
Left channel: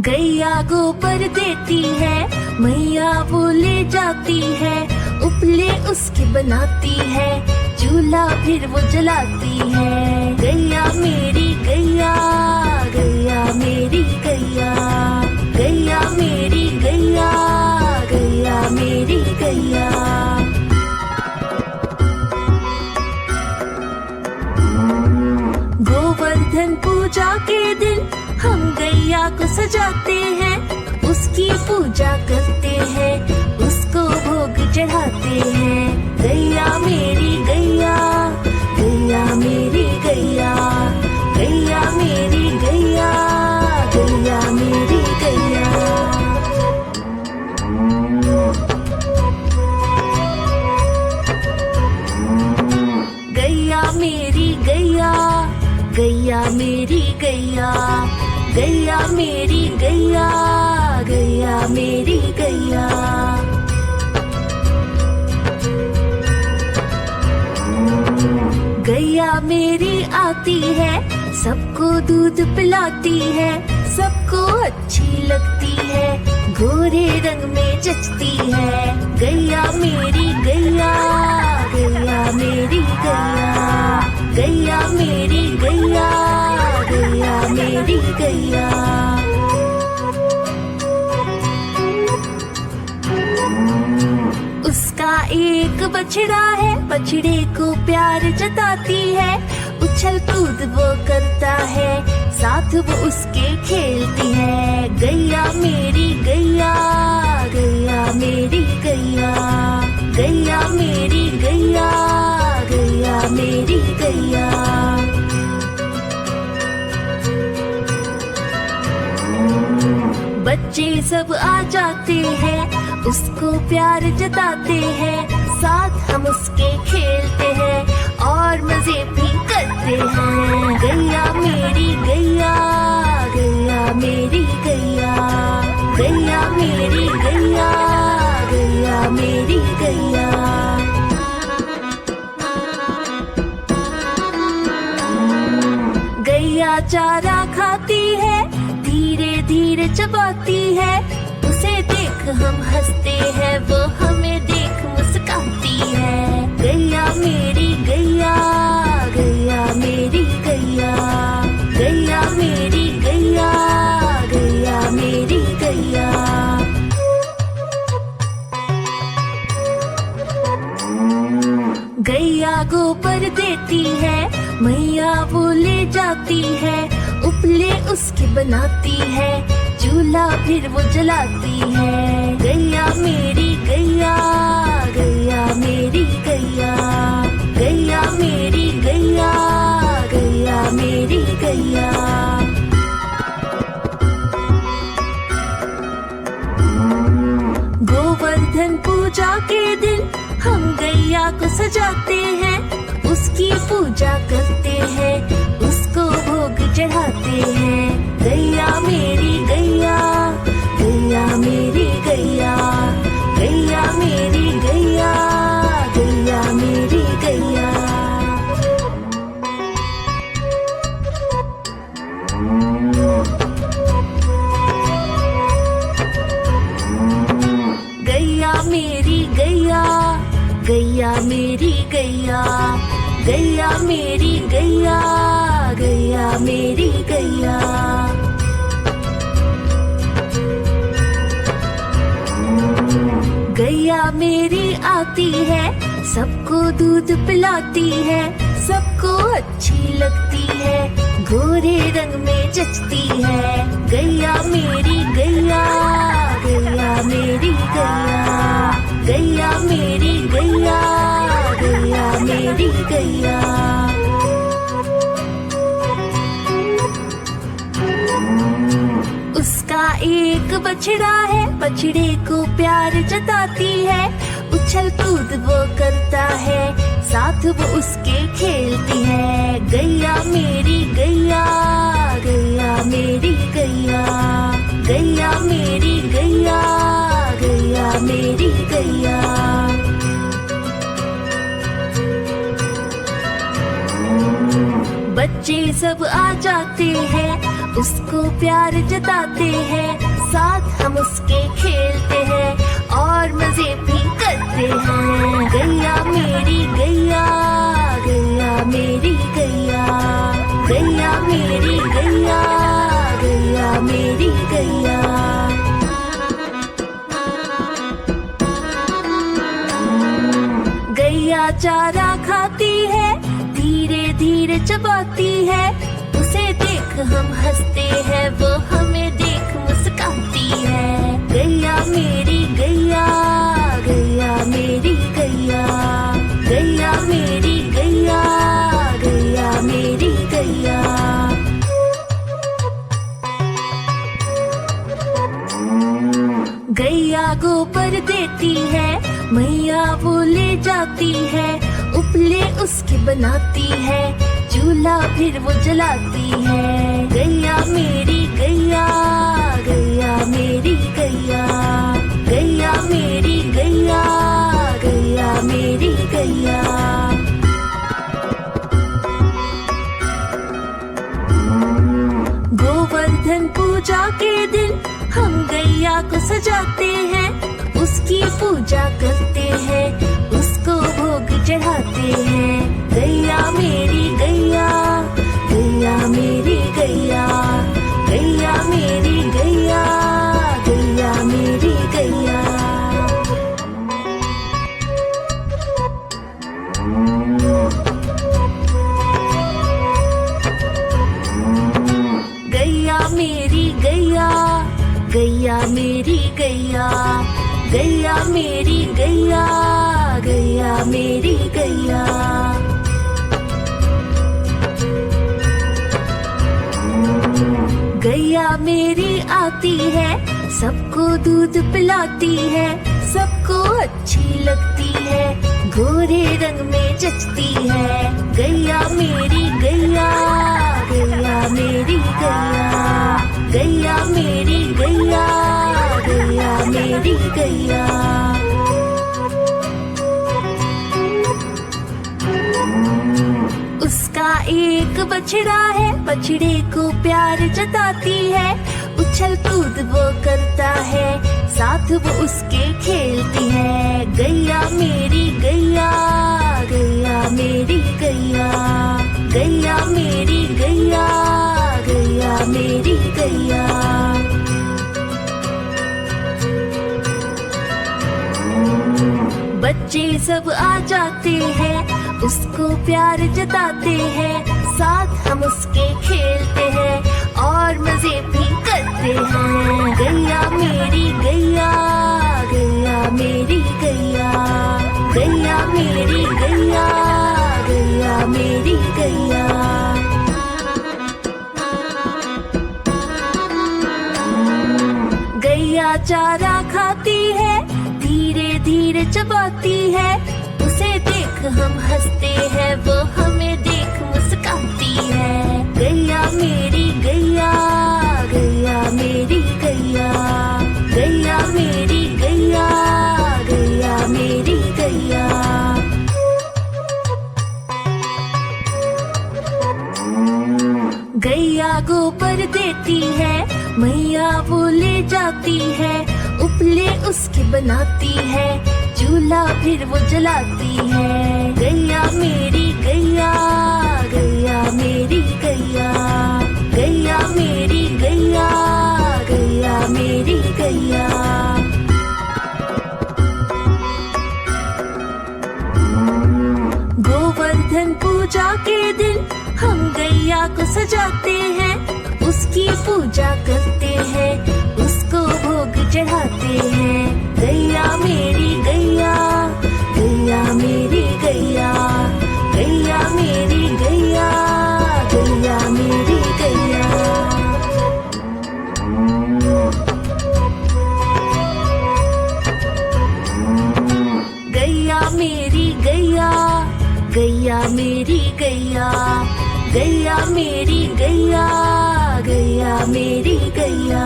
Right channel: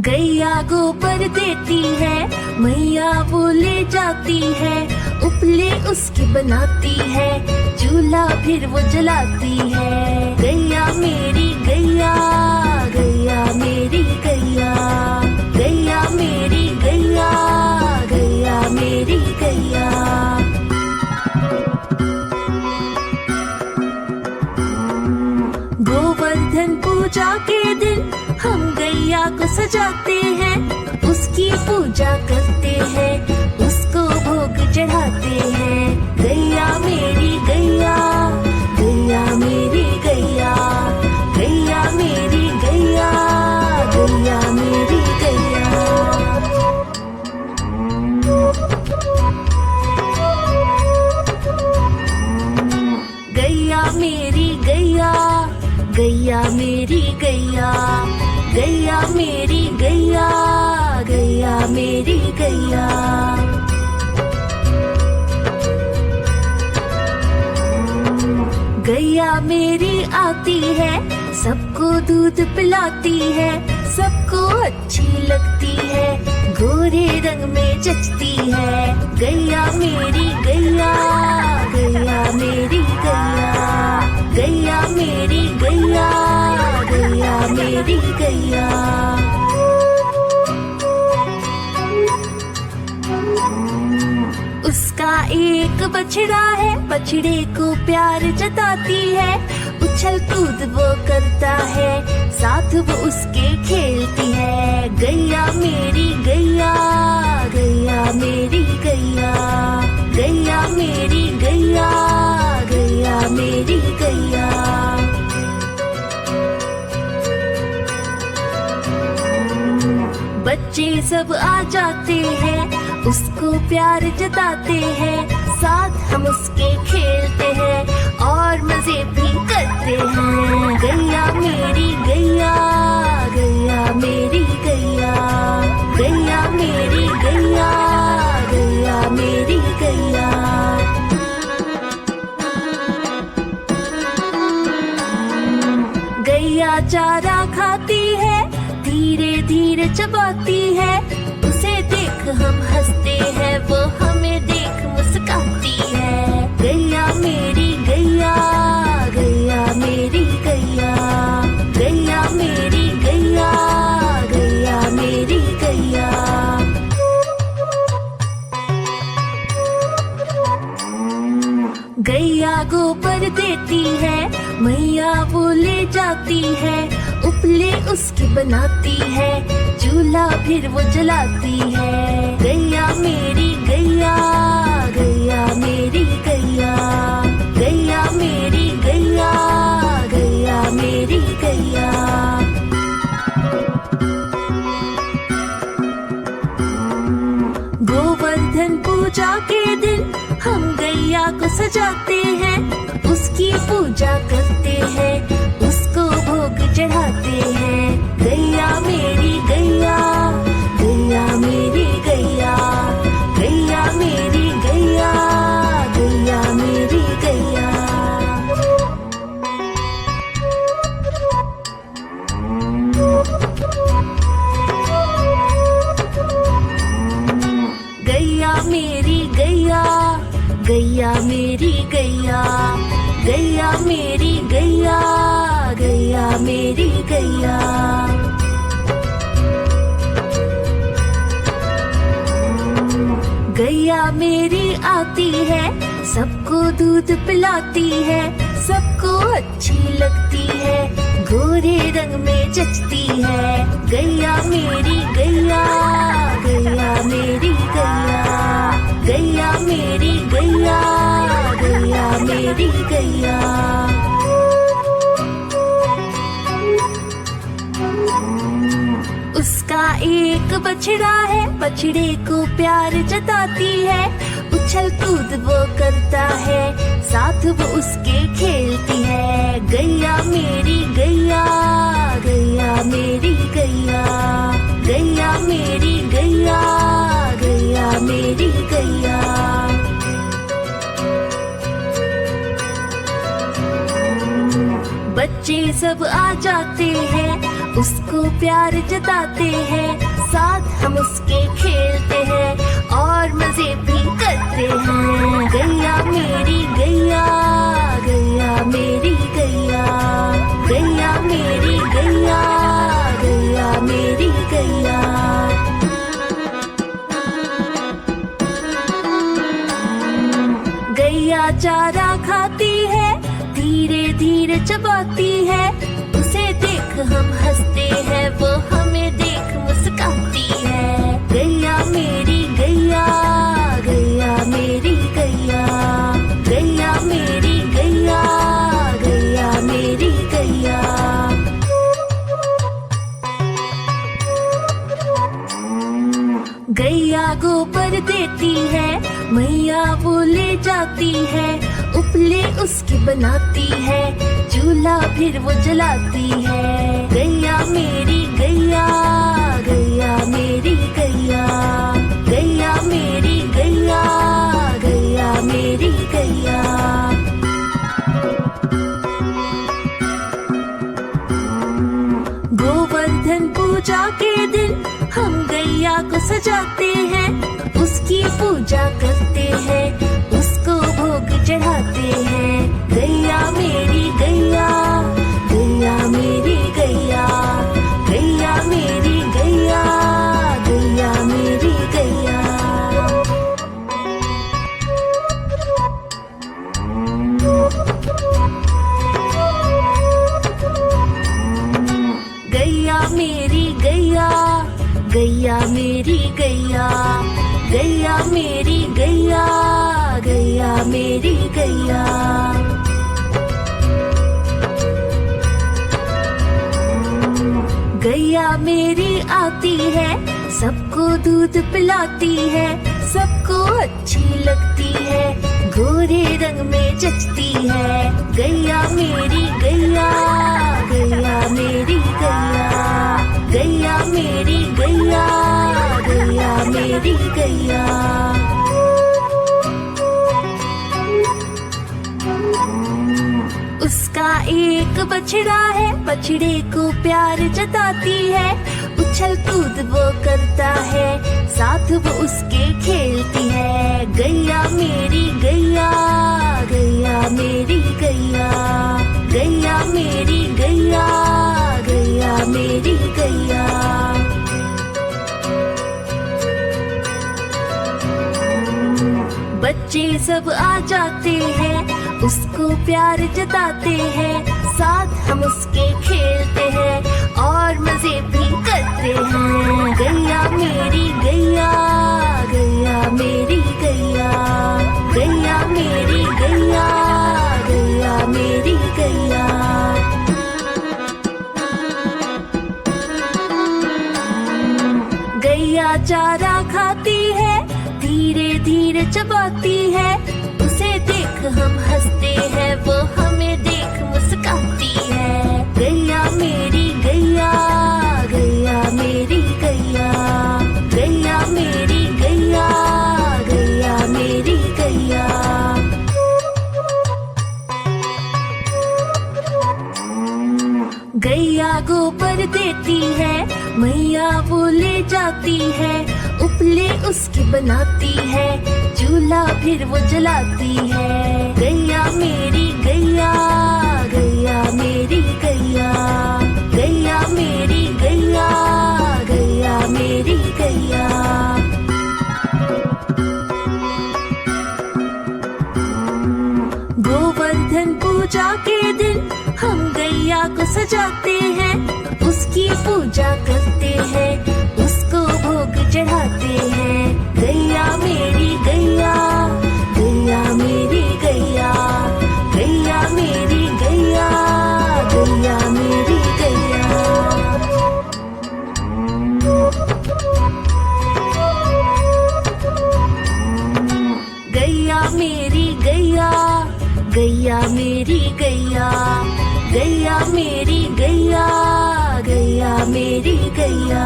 गैया गोबर देती है, मैया वो ले जाती है, उपले उसकी बनाती है, चूल्हा फिर वो जलाती है। गैया मेरी गैया, गैया मेरी गैया, गैया मेरी गैया, गैया मेरी गैया। गोवर्धन पूजा के दिन हम गैया को सजाते हैं, उसकी पूजा करते हैं, उसको भोग चढ़ाते हैं। गैया मेरी गैया, गैया मेरी गैया, गैया मेरी गैया, गैया मेरी गैया। गैया मेरी गैया, गैया मेरी गैया, गैया मेरी गैया, गैया मेरी गैया। गैया मेरी आती है, सबको दूध पिलाती है, सबको अच्छी लगती है, गोरे रंग में जचती है। गैया मेरी गैया, गैया मेरी गैया, गैया मेरी गैया, गैया मेरी गैया। उसका एक बछड़ा है, बछड़े को प्यार जताती है, उछल कूद वो करता है, साथ वो उसके खेलती है। गैया मेरी गैया, गैया मेरी गैया, गैया मेरी गैया, गैया मेरी गैया। बच्चे सब आ जाते हैं, उसको प्यार जताते हैं, साथ हम उसके खेलते हैं और मजे भी करते हैं। गैया मेरी गैया, गैया मेरी गैया, गैया मेरी गैया, गैया मेरी गैया। गैया चारा खाती है, धीरे धीरे चबाती है, उसे देख हम हंसते हैं, वो हमें देख मुस्काती है। गैया मेरी गैया, गैया मेरी गैया, गैया मेरी गैया, गैया मेरी गैया। गैया गोबर देती है, मैया वो ले जाती है, उपले उसके बनाती है, चूल्हा फिर वो जलाती है। गैया मेरी गैया, गैया मेरी गैया, गैया मेरी गैया, गैया मेरी गैया। गोवर्धन पूजा के दिन हम गैया को सजाते हैं, उसकी पूजा करते हैं, उसको भोग चढ़ाते हैं। गैया मेरी गैया, गैया मेरी गैया, गैया मेरी गैया, गैया मेरी गैया। गैया मेरी गैया, गैया मेरी गैया, गैया मेरी गैया, गैया मेरी गैया। गैया मेरी आती है, सबको दूध पिलाती है, सबको अच्छी लगती है, गोरे रंग में जचती है। गैया मेरी गैया, गैया मेरी गैया, गैया मेरी गैया, गैया मेरी गैया। उसका एक बछड़ा है, बछड़े को प्यार जताती है, उछल कूद वो करता है, साथ वो उसके खेलती है। गैया मेरी गैया, गैया मेरी गैया, गैया मेरी गैया, गैया मेरी गैया। बच्चे सब आ जाते हैं, उसको प्यार जताते हैं, साथ हम उसके खेलते हैं और मजे भी करते हैं। गैया मेरी गैया, गैया मेरी गैया, गैया मेरी गैया, गैया मेरी गैया। गैया चारा खाती है, धीरे धीरे चबाती है, उसे देख हम हंसते हैं, वो हमें देख मुस्काती है। गैया मेरी गैया, गैया मेरी गैया, गैया मेरी गैया, गैया मेरी गैया। गैया गोबर देती है, मैया वो ले जाती है, उपले उसके बनाती है, चूल्हा फिर वो जलाती है। गैया मेरी गैया, गैया मेरी गैया, गैया मेरी गैया, गैया मेरी गैया। गोवर्धन पूजा के दिन हम गैया को सजाते हैं, उसकी पूजा करते हैं, उसको भोग चढ़ाते हैं। गैया मेरी गैया, गैया मेरी गैया, गैया मेरी गैया, गैया मेरी गैया। गैया मेरी गैया, गैया मेरी गैया, गैया मेरी गैया। गैया मेरी आती है, सबको दूध पिलाती है, सबको अच्छी लगती है, गोरे रंग में जचती है। गैया मेरी गैया, गैया मेरी गैया, गैया मेरी गैया, गैया मेरी गैया। उसका एक बछड़ा है, बछड़े को प्यार जताती है, उछल कूद वो करता है, साथ वो उसके खेलती है। गैया मेरी गैया, गैया मेरी गैया, गैया मेरी गैया, गैया मेरी गैया। बच्चे सब आ जाते हैं, उसको प्यार जताते हैं, साथ हम उसके खेलते हैं और मजे भी करते हैं। गैया मेरी गैया, गैया मेरी गैया, गैया मेरी गैया, गैया मेरी गैया। गैया चारा खाती है, धीरे धीरे चबाती है, उसे देख हम हंसते हैं, वो हमें देख मुस्काती है। गैया मेरी गैया, गैया मेरी गैया, गैया मेरी गैया, गैया मेरी गैया। गैया गोबर देती है, मैया वो ले जाती है, उपले उसकी बनाती है, चूल्हा फिर वो जलाती है। गैया मेरी गैया, गैया मेरी गैया, गैया मेरी गैया, गैया मेरी गैया। गोवर्धन पूजा के दिन हम गैया को सजाते हैं, उसकी पूजा करते हैं, उसको भोग चढ़ाते हैं। गैया मेरी गैया, गैया मेरी गैया, गैया मेरी गैया, गैया मेरी गैया। गैया मेरी गैया, गैया मेरी गैया, गैया मेरी गैया, गैया मेरी गैया।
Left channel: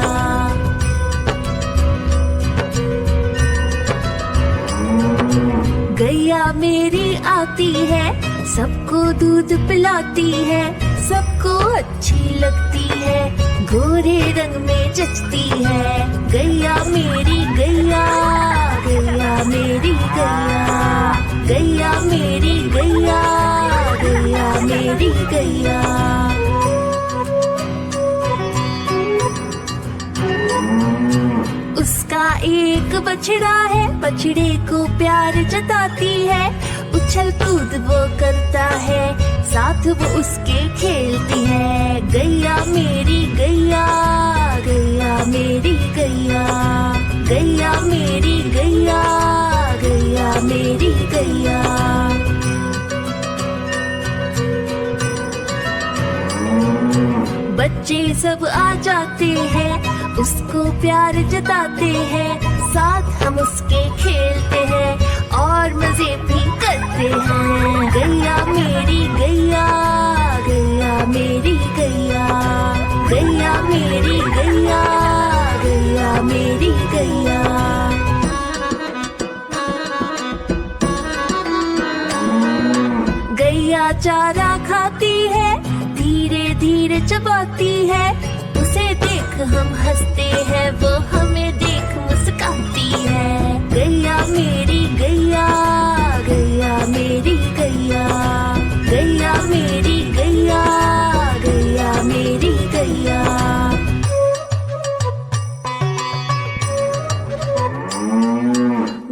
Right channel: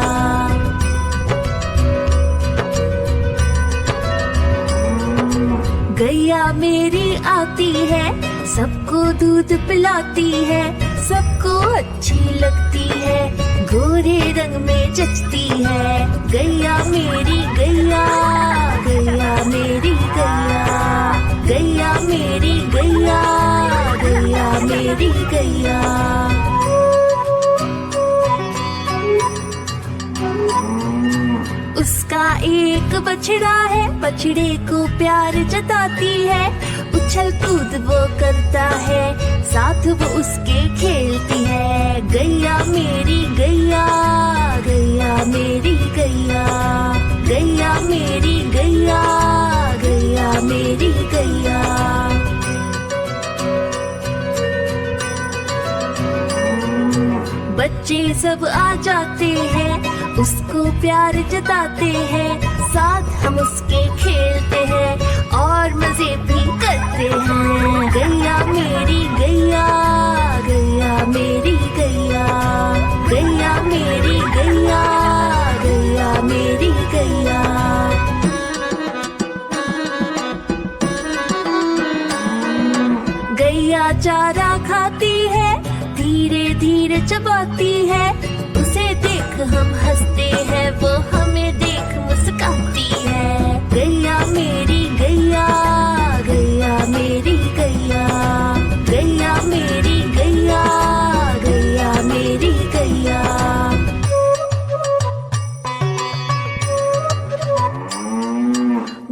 गैया मेरी आती है, सबको दूध पिलाती है, सबको अच्छी लगती है, गोरे रंग में जचती है। गैया मेरी गैया, गैया मेरी गैया, गैया मेरी गैया, गैया मेरी गैया। उसका एक बछड़ा है, बछड़े को प्यार जताती है, उछल कूद वो करता है, साथ वो उसके खेलती है। गैया मेरी गैया, गैया मेरी गैया, गैया मेरी गैया, गैया मेरी गैया। बच्चे सब आ जाते हैं, उसको प्यार जताते हैं, साथ हम उसके खेलते हैं और मजे भी करते हैं। गैया मेरी गैया, गैया मेरी गैया, गैया मेरी गैया, गैया मेरी गैया। गैया चारा खाती है, धीरे धीरे चबाती है, उसे देख हम हंसते हैं, वो हमें देख मुस्काती है। गैया मेरी गैया, गैया मेरी गैया, गैया मेरी गैया, गैया मेरी गैया।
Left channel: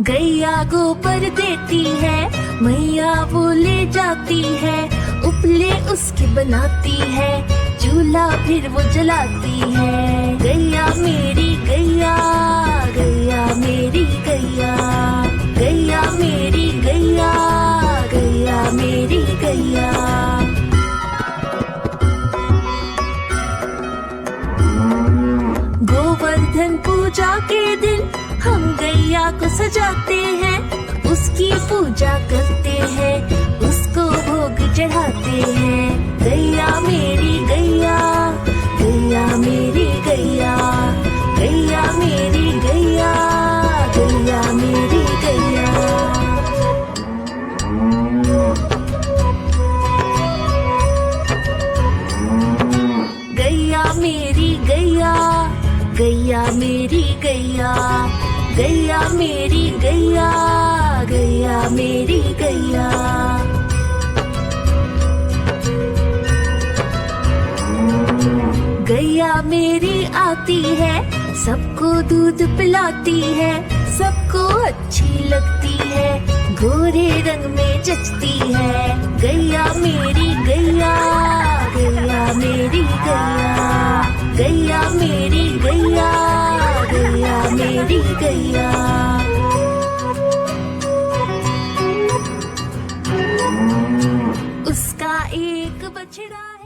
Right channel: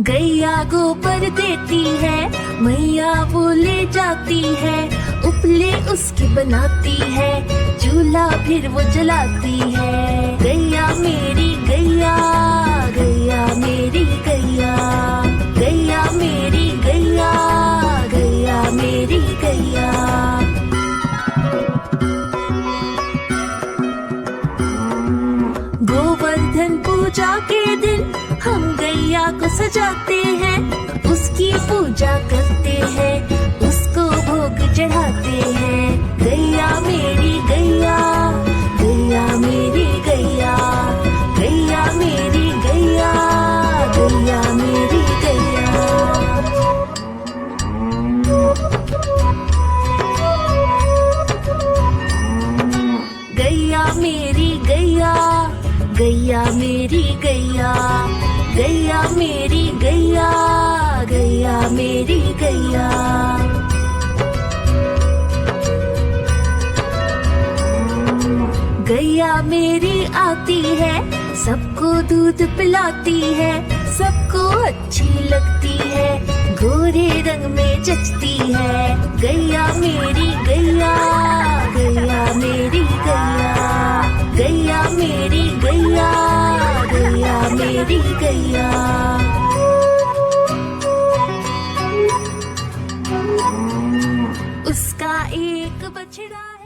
गैया गोबर देती है, मैया वो ले जाती है, उपले उसकी बनाती है, चूल्हा फिर वो जलाती है। गैया मेरी गैया, गैया मेरी गैया, गैया मेरी गैया, गैया मेरी गैया। गोवर्धन पूजा के दिन हम गैया को सजाते हैं, उसकी पूजा करते हैं, उसको भोग चढ़ाते हैं। गैया मेरी गैया, गैया मेरी गैया, गैया मेरी गैया, गैया मेरी गैया। गैया मेरी गैया, गैया मेरी गैया, गैया मेरी गैया, गैया मेरी गैया। गैया मेरी आती है, सबको दूध पिलाती है, सबको अच्छी लगती है, गोरे रंग में जचती है। गैया मेरी गैया, गैया मेरी गैया, गैया मेरी गैया, गैया मेरी गैया। उसका एक बछड़ा है।